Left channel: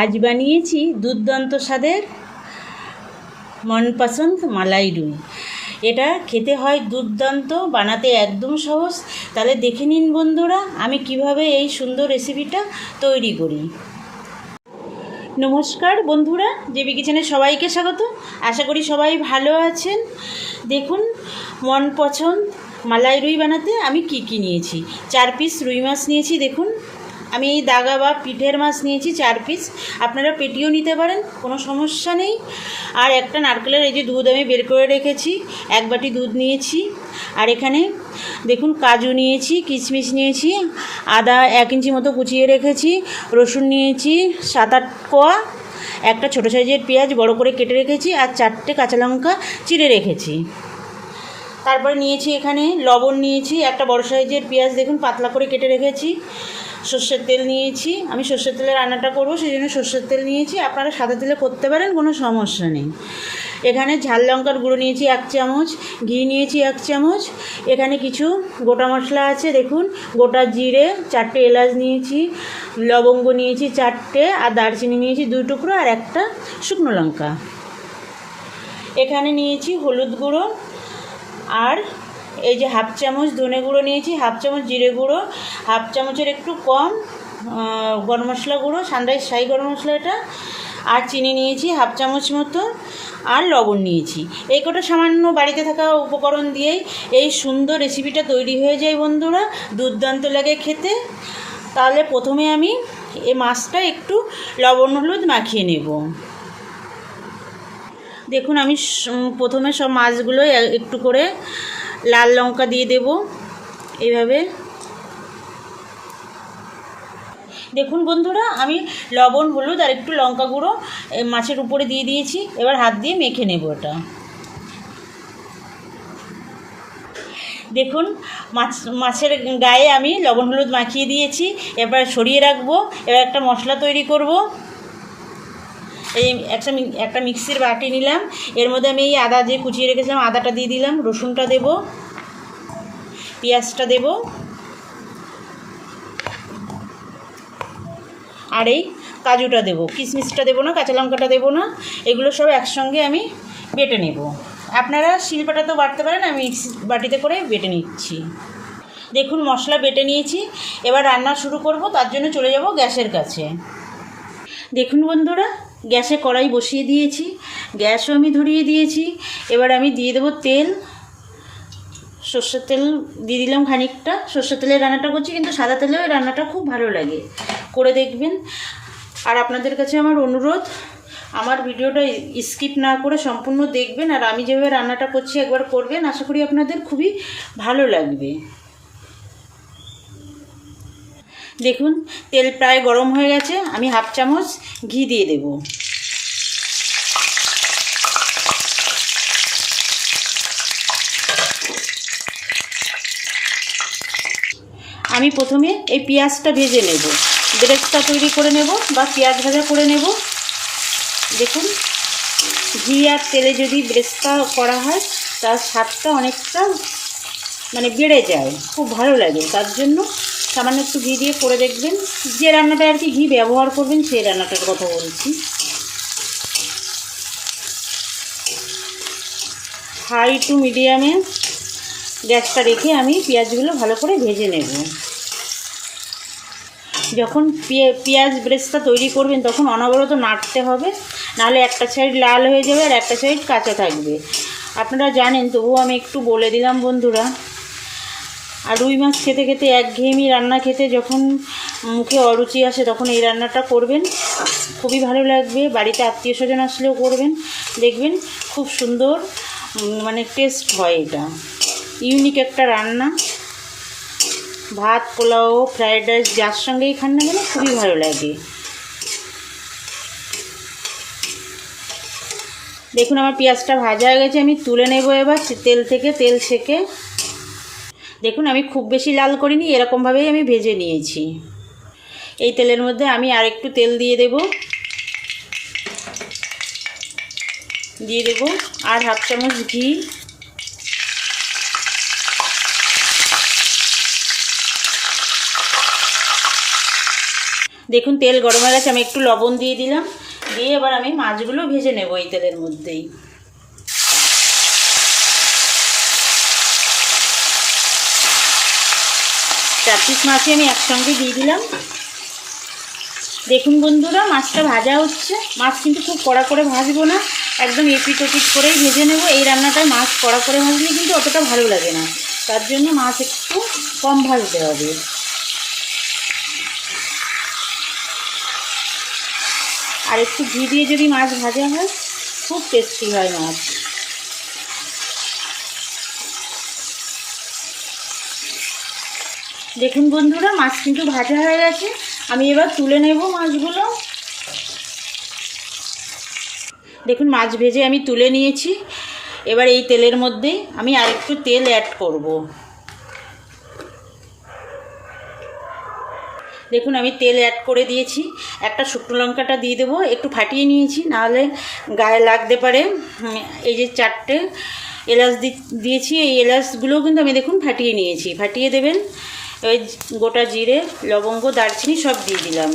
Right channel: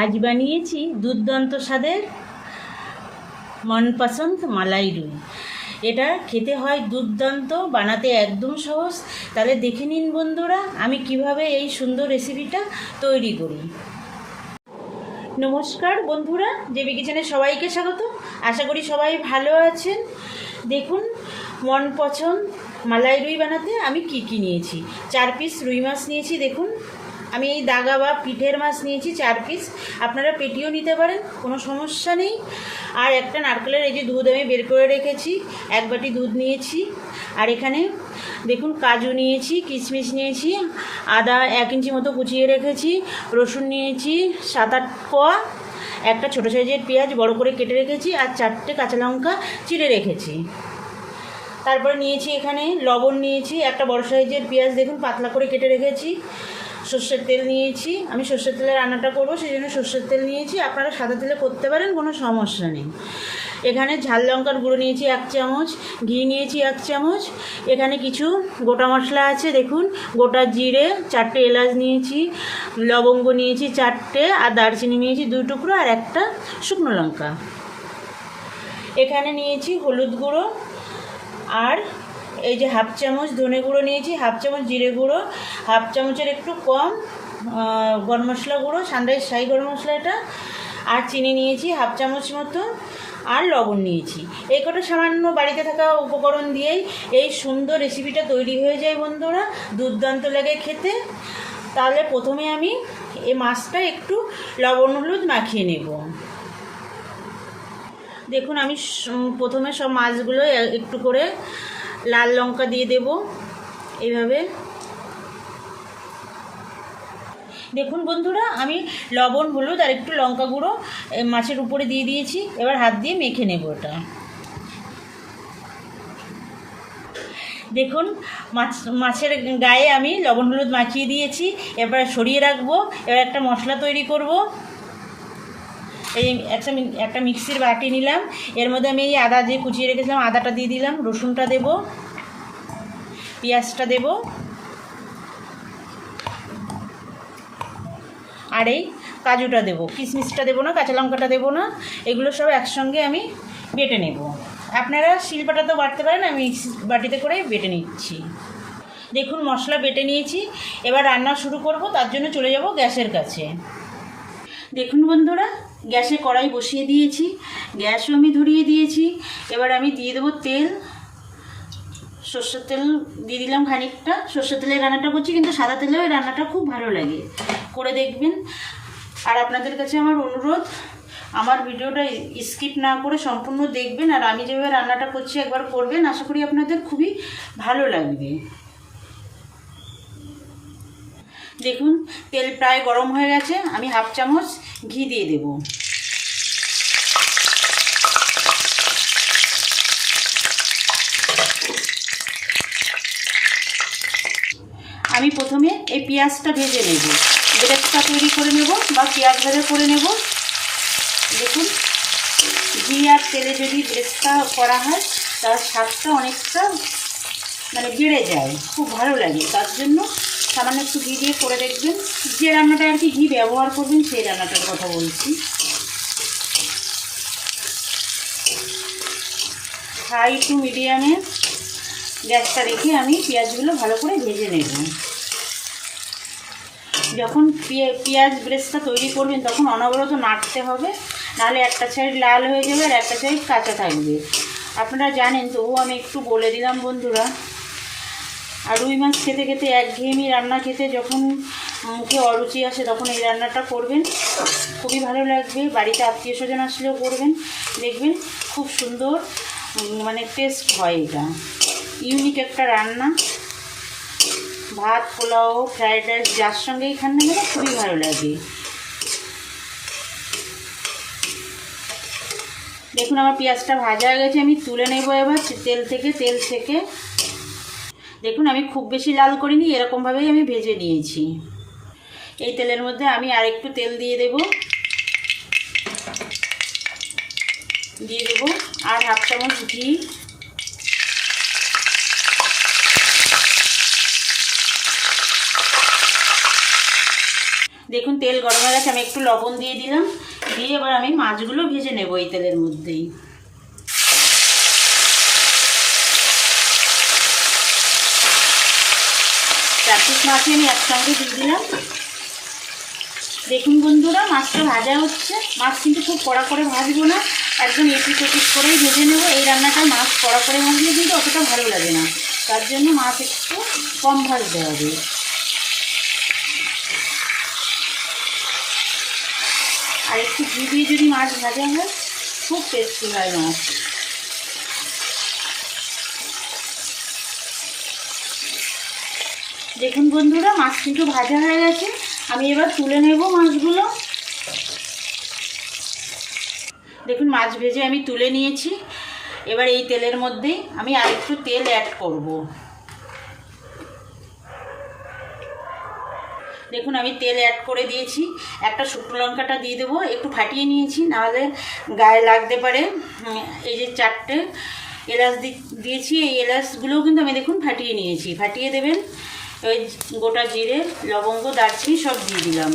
আজ বানিয়েছি দুর্দান্ত স্বাদের মনপসন্দ মালাই রুই। এটা খেতে হয় দুর্দান্ত, বানাতে একদম সহজ। তাহলে দেখে নিন বন্ধুরা আমি কিভাবে এই সুন্দর রেসিপিটা তৈরি করি। নমস্কার বন্ধুরা, জেবি কিচেনে সবাইকে স্বাগত। আশা করি সবাই ভালো আছেন। দেখুন, মনপসন্দ মালাই রুই বানাতে আমি কি নিয়েছি। 4 পিস রুই মাছ নিয়েছি। দেখুন, আমি এই দাগা বা পিঠের মাছ নিয়েছি 4 পিস। আপনারা পেটিও নিতে পারেন, কোনো সমস্যা নেই। আর একটা নারকেলের এই যে দুধ আমি বের করে রেখেছি, 1 বাটি দুধ নিয়েছি। আর এখানে দেখুন কাজু নিয়েছি, কিশমিশ নিয়েছি, আদা 1 ইঞ্চি মতো কুচিয়ে রেখেছি, রসুন নিয়েছি 7-8 কোয়া, একটা ছোটো সাইজের পেঁয়াজ বড় করে কেটে রেখেছি, আর 4টে কাঁচা লঙ্কা চিড়ে রেখেছি। তারপরে নিয়েছি এখানে লবণ নিয়েছি, একটা বড় সাইজের পেঁয়াজ দেখুন পাতলা করে কেটে রেখেছি, সর্ষের তেল নিয়েছি। আমি সর্ষের তেলে রান্নাটা করব, সেই জন্য সর্ষের তেল নিয়েছি। আপনারা সাদা তেলে করতে পারেন, কোনো সমস্যা নেই। এখানে ঝাল লঙ্কার গুঁড়ো নিয়েছি 1 চামচ, ঘি নিয়েছি 1 চামচ। এখানে কিছু গোটা মশলা আছে, দেখুন গোটা জিরে, 4টে এলাচ নিয়েছি, লবঙ্গ নিয়েছি 4টে, আর দারচিনি নিয়েছি 2 টুকরো, আর একটা শুকনো লঙ্কা। এখানে নিয়েছি হলুদ গুঁড়ো, আর এই যে 1/2 চামচ ধনে গুঁড়ো নিয়েছি, 1/2 চামচ জিরে গুঁড়ো, 1/2 চামচের একটু কম গরম মশলা গুঁড়ো, সানরাইজ শাহি গরম মশলা এটা, আর চিনি নিয়েছি 1/2 চামচ মতো, আর লবণ নিয়েছি। এই কটা সামান্য বাড়িতে থাকা উপকরণ দিয়েই এই সুন্দর রেসিপিটা তৈরি হয়ে যায় বন্ধুরা, দুর্দান্ত লাগে খেতে। তাহলে প্রথমে আমি এই মাছটা একটু লবণ হলুদ মাখিয়ে নেব। দেখুন, আমি প্রথমে সব মাছগুলো একটু করে লাল লঙ্কা দিয়ে দেব এইভাবে। দেখুন বন্ধুরা, আমি লবণ হলুদ আর একটু লঙ্কা গুঁড়ো মাছের উপরে দিয়ে দিয়েছি। এবার হাত দিয়ে মেখে নেব এটা। দেখুন, মাছের গায়ে আমি লবণ হলুদ মাখিয়ে দিয়েছি। এবার সরিয়ে রাখবো। এবার একটা মশলা তৈরি করব। এই একটা মিক্সির বাটি নিলাম, এর মধ্যে আমি এই আদা যে কুচিয়ে রেখেছিলাম আদাটা দিয়ে দিলাম, রসুনটা দেব, পেঁয়াজটা দেব, আর এই কাজুটা দেব, কিশমিশটা দেবো না, কাঁচা লঙ্কাটা দেবো না। এগুলো সব একসঙ্গে আমি বেটে নেব। আপনারা শিলপাটাতেও বাটতে পারেন, আমি মিক্সি বাটিতে করে বেটে নিচ্ছি। দেখুন, মশলা বেটে নিয়েছি। এবার রান্না শুরু করব, তার জন্য চলে যাব গ্যাসের কাছে। দেখুন বন্ধুরা, গ্যাসে কড়াই বসিয়ে দিয়েছি, গ্যাসও আমি ধরিয়ে দিয়েছি। এবার আমি দিয়ে দেবো তেল। সর্ষের তেল দিয়ে দিলাম খানিকটা। সর্ষের তেলে রান্নাটা করছি, কিন্তু সাদা তেলেও এই রান্নাটা খুব ভালো লাগে, করে দেখবেন। আর আপনাদের কাছে আমার অনুরোধ, আমার ভিডিওটা স্কিপ না করে সম্পূর্ণ দেখবেন, আর আমি যেভাবে রান্নাটা করছি একবার করবেন, আশা করি আপনাদের খুবই ভালো লাগবে। দেখুন, তেল প্রায় গরম হয়ে গেছে, আমি 1/2 চামচ ঘি দিয়ে দেব। আমি প্রথমে এই পেঁয়াজটা ভেজে নেব, ব্রেডটা তৈরি করে নেব বা পেঁয়াজ ভাজা করে নেব। দেখুন, ঘি আর তেলে যদি ব্রেডটা করা হয় তার স্বাদটা অনেকটা বেড়ে যায়, খুব ভালো লাগে। তার জন্য সামান্য একটু ঘি দিয়ে করে দেখবেন। যে রান্নাটা আর কি ঘি ব্যবহার করবেন সেই রান্নাটার কথা বলছি। হাই টু মিডিয়ামে গ্যাসটা রেখে আমি পেঁয়াজগুলো ভালো করে ভেজে নেব। যখন পেঁয়াজ ব্রেস্টটা তৈরি করবেন তখন অনবরত নাড়তে হবে, নাহলে একটা সাইড লাল হয়ে যাবে আর একটা সাইড কাঁচা থাকবে। আপনারা জানেন, তবুও আমি একটু বলে দিলাম বন্ধুরা। আর রুই মাছ খেতে খেতে একঘেয়েমি রান্না খেতে যখন মুখে অরুচি আসে, তখন এই রান্নাটা করবেন, খুবই ভালো লাগবে। বাড়িতে আত্মীয় স্বজন আসলেও করবেন, দেখবেন খুব সুন্দর টেস্ট হয়। এটা ইউনিক একটা রান্না। ভাত, পোলাও, ফ্রায়েড রাইস যার সঙ্গেই খান না কেন খুবই ভালো লাগে। দেখুন, আমার পেঁয়াজটা ভাজা হয়ে গেছে, আমি তুলে নেব এবার তেল থেকে, তেল ছেঁকে। দেখুন, আমি খুব বেশি লাল করিনি, এরকমভাবেই আমি ভেজে নিয়েছি। এই তেলের মধ্যে আমি আর একটু তেল দিয়ে দেব আর 1/2 চামচ ঘি। দেখুন তেল গরম হয়ে গেছে, আমি একটু লবণ দিয়ে দিলাম, দিয়ে এবার আমি মাছগুলো ভেজে নেব এই তেলের মধ্যেই। চার পিস মাছই আমি একসঙ্গে দিয়ে দিলাম। দেখুন বন্ধুরা, মাছটা ভাজা হচ্ছে। মাছ কিন্তু খুব কড়া করে ভাজবো না, একদম এপিট ওপিট করেই ভেজে নেব। এই রান্নাটা মাছ কড়া করে ভাজলে কিন্তু অতটা ভালো লাগে না, তার জন্য মাছ একটু কম ভাজতে হবে। আর একটু ঘি দিয়ে যদি মাছ ভাজা হয় খুব টেস্টি হয় মাছ। দেখুন বন্ধুরা, মাছ কিন্তু ভাজা হয়ে গেছে, আমি এবার তুলে নেব মাছগুলো। দেখুন মাছ ভেজে আমি তুলে নিয়েছি। এবার এই তেলের মধ্যে আমি আরেকটু তেল অ্যাড করব। দেখুন আমি তেল অ্যাড করে দিয়েছি। একটা শুকনো লঙ্কাটা দিয়ে দেবো, একটু ফাটিয়ে নিয়েছি, নাহলে গায়ে লাগতে পারে। এই যে 4টে এলাচ দিয়েছি, এই এলাচগুলোও কিন্তু আমি দেখুন ফাটিয়ে নিয়েছি। ফাটিয়ে দেবেন। ওই গোটা জিরে, লবঙ্গ, দারচিনি সব দিয়ে দিলাম।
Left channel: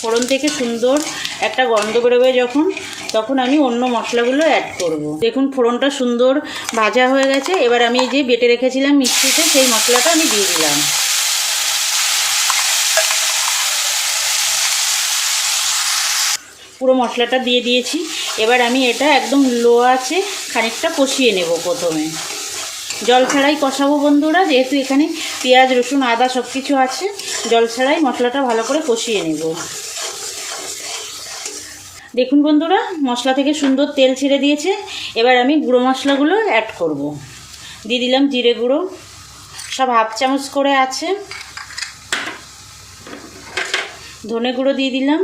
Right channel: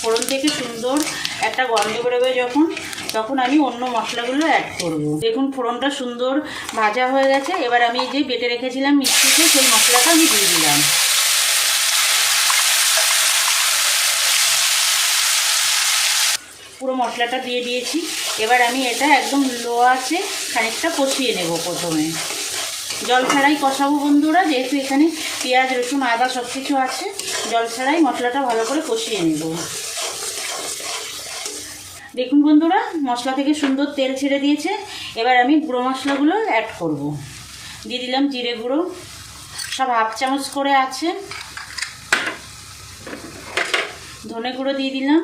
ফোড়ন থেকে সুন্দর একটা গন্ধ বেরোবে যখন, তখন আমি অন্য মশলাগুলো অ্যাড করব। দেখুন ফোড়নটা সুন্দর ভাজা হয়ে গেছে। এবার আমি যে বেটে রেখেছিলাম মিক্সিতে, সেই মশলাটা আমি দিয়ে দিলাম। পুরো মশলাটা দিয়ে দিয়েছি। এবার আমি এটা একদম লো আছে খানিকটা কষিয়ে নেব। প্রথমে জল ছাড়াই কষাবো বন্ধুরা, যেহেতু এখানে পেঁয়াজ, রসুন, আদা সব কিছু আছে। জল ছাড়াই মশলাটা ভালো করে কষিয়ে নেব। দেখুন বন্ধুরা, মশলা থেকে সুন্দর তেল ছেড়ে দিয়েছে। এবার আমি গুঁড়ো মশলাগুলো অ্যাড করব। দিয়ে দিলাম জিরে গুঁড়ো, সব হাফ চামচ করে আছে। ধনে গুঁড়ো দিয়ে দিলাম।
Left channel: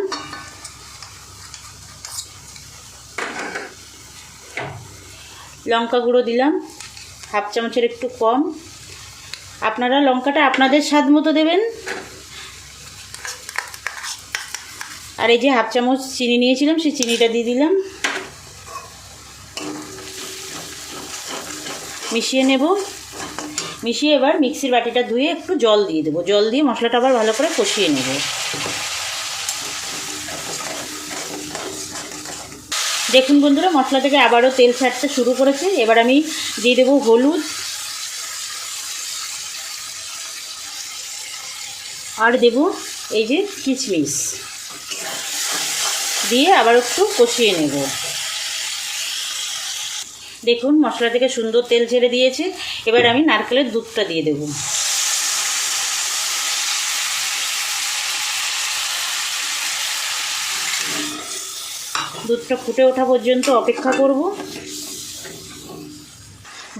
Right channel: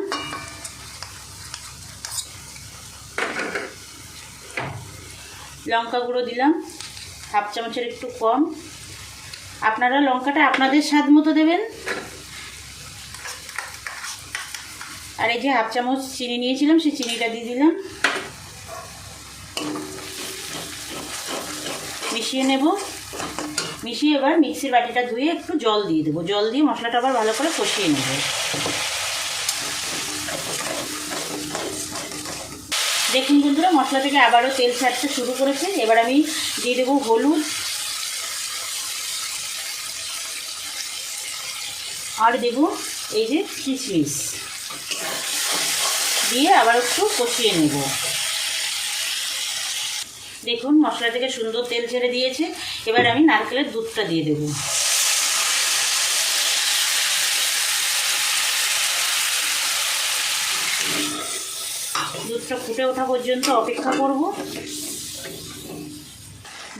লঙ্কা গুঁড়ো দিলাম হাফ চামচের একটু কম। আপনারা লঙ্কাটা আপনাদের স্বাদ মতো দেবেন। আর এই যে হাফ চামচ চিনি নিয়েছিলাম, সেই চিনিটা দিয়ে দিলাম। মিশিয়ে নেব। মিশিয়ে এবার মিক্সির বাটিটা ধুয়ে একটু জল দিয়ে দেবো। জল দিয়ে মশলাটা আবার ভালো করে কষিয়ে নেব। দেখুন বন্ধুরা, মশলা থেকে আবারও তেল ছাড়তে শুরু করেছে। এবার আমি দিয়ে দেবো হলুদ, আর দেব এই যে কিশমিশ, দিয়ে আবার একটু কষিয়ে নেব। দেখুন মশলা থেকে সুন্দর তেল ছেড়ে দিয়েছে। এবার আমি নারকেলের দুধটা দিয়ে দেব। দুধটা ফুটে ওঠা পর্যন্ত অপেক্ষা করব।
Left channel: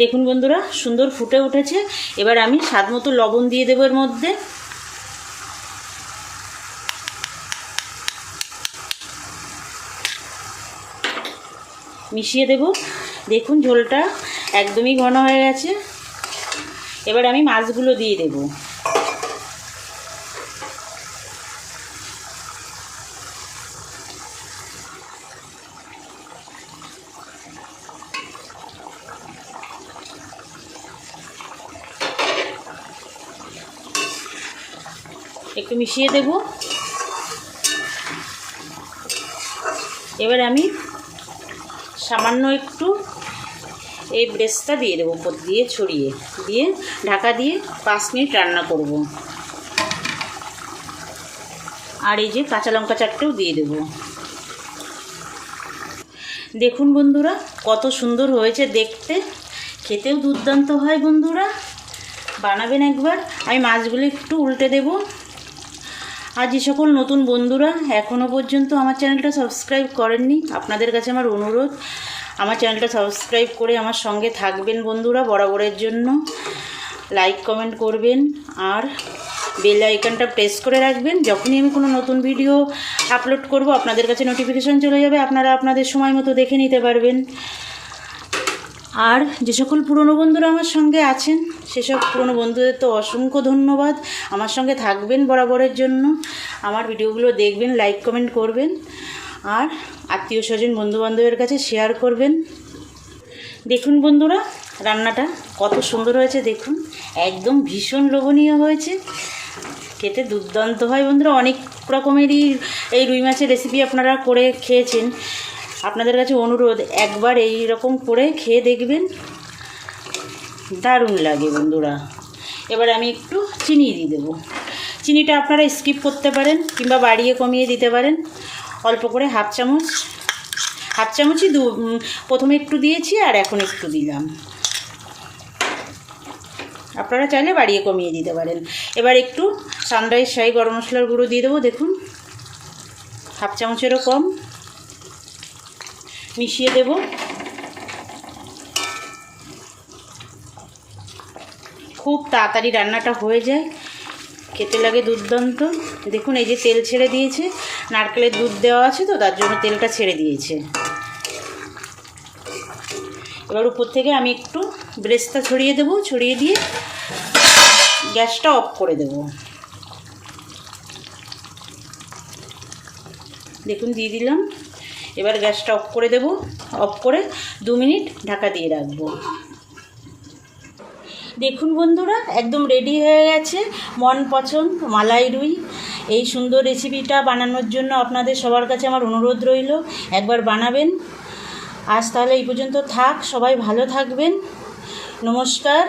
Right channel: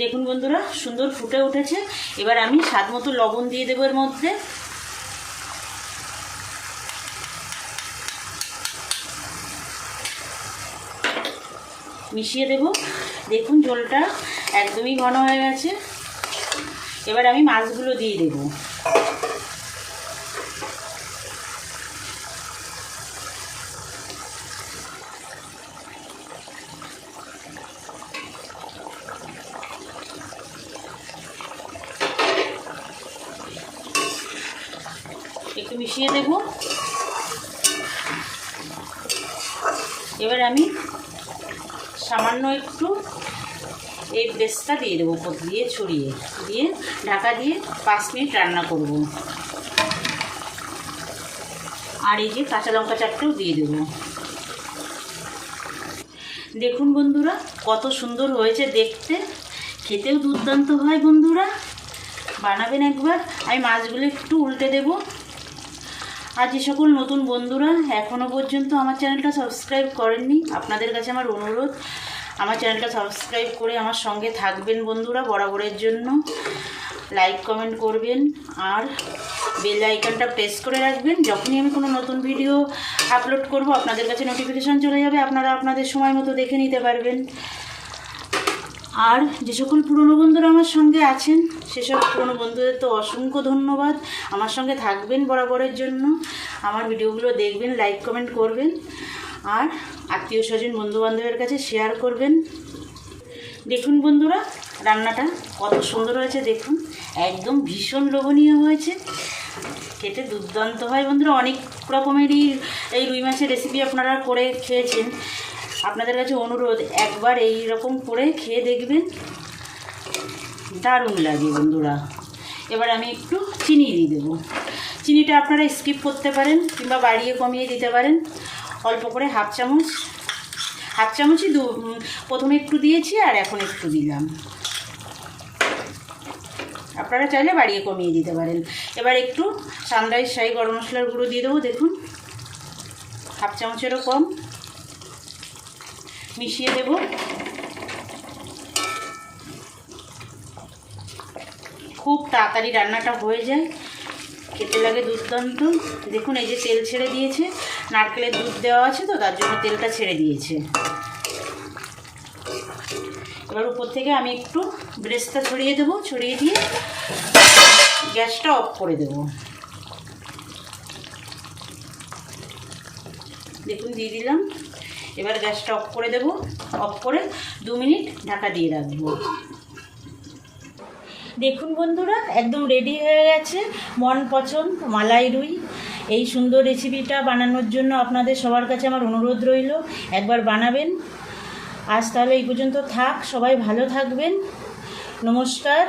দেখুন বন্ধুরা, সুন্দর ফুটে উঠেছে। এবার আমি স্বাদ মতো লবণ দিয়ে দেবো এর মধ্যে। মিশিয়ে দেব। দেখুন ঝোলটা একদমই ঘন হয়ে গেছে। এবার আমি মাছগুলো দিয়ে দেব। একটু মিশিয়ে দেব। এবার আমি সামান্য একটু এই পেস্টটা দিয়ে দেবো, উপর দিয়ে ছড়িয়ে দিয়ে ঢাকা দিয়ে 5 মিনিট রান্না করব। আর এই যে কাঁচা লঙ্কা 4টেও দিয়ে দেব। দেখুন বন্ধুরা, কত সুন্দর হয়েছে দেখতে, খেতেও দুর্দান্ত হয়। বন্ধুরা বানাবেন একবার। আমি মাছগুলো একটু উল্টে দেব। আর যে সকল নতুন বন্ধুরা এখনও পর্যন্ত আমার চ্যানেলটা সাবস্ক্রাইব করেননি, আপনাদের কাছে আমার অনুরোধ, আমার চ্যানেলটা সাবস্ক্রাইব করে আমার সঙ্গে থাকবেন বন্ধুরা। বরাবরের জন্য লাইক কমেন্ট করবেন, আর বেল আইকনটা প্রেস করে রাখবেন। যখনই আমি কোনো নতুন ভিডিও আপলোড করব আপনাদের কাছে নোটিফিকেশান চলে যাবে, আপনারা আপনাদের সময় মতো দেখে নিতে পারবেন। আর যে সকল পুরনো বন্ধুরা আমার সঙ্গে আছেন, সেসব পুরনো বন্ধুদের তো অসংখ্য ধন্যবাদ। আমার সঙ্গে থাকবেন বরাবরের জন্য, আমার ভিডিওগুলো দেখবেন, লাইক কমেন্ট করবেন, আর আত্মীয় স্বজন বন্ধুবান্ধবের কাছে শেয়ার করবেন। দেখুন বন্ধুরা, রান্নাটা কত সুন্দর হয়েছে দেখুন, একদম ভীষণ লোভনীয় হয়েছে, খেতে দুর্দান্ত হয় বন্ধুরা। অনেক রকমেরই এই রুই মাছের রেসিপি আপনারা করে খেয়েছেন, আপনাদের কাছে অনুরোধ একবার এই রকম করে খেয়ে দেখবেন, দারুণ লাগে বন্ধুরা। এবার আমি একটু চিনি দিয়ে দেবো। চিনিটা আপনারা স্কিপ করতে পারেন কিংবা বাড়িয়ে কমিয়ে দিতে পারেন, অল্প করে হাফ চামচই প্রথমে একটু দিয়েছি আর এখন একটু দিলাম, আপনারা চাইলে বাড়িয়ে কমিয়ে দিতে পারেন। এবার একটু সানরাইজ শাহি গরম মশলার গুঁড়ো দিয়ে দেবো, দেখুন হাফ চামচেরও কম, মিশিয়ে দেব। খুব তাড়াতাড়ি রান্নাটা হয়ে যায়, খেতে লাগে দুর্দান্ত। দেখুন এই যে তেল ছেড়ে দিয়েছে, নারকেলের দুধ দেওয়া আছে তো তার জন্য তেলটা ছেড়ে দিয়েছে। এবার উপর থেকে আমি একটু ব্রেস্তা ছড়িয়ে দেবো, ছড়িয়ে দিয়ে গ্যাসটা অফ করে দেব। দেখুন দিয়ে দিলাম। এবার গ্যাসটা অফ করে দেব, অফ করে 2 মিনিট ঢাকা দিয়ে রাখবো। দেখুন বন্ধুরা, একদম রেডি হয়ে গেছে মন পছন্দ মালাই রুই। এই সুন্দর রেসিপিটা বানানোর জন্য আপনাদের সবার কাছে আমার অনুরোধ রইল, একবার বানাবেন। আজ তাহলে এই পর্যন্ত থাক, সবাই ভালো থাকবেন, নমস্কার।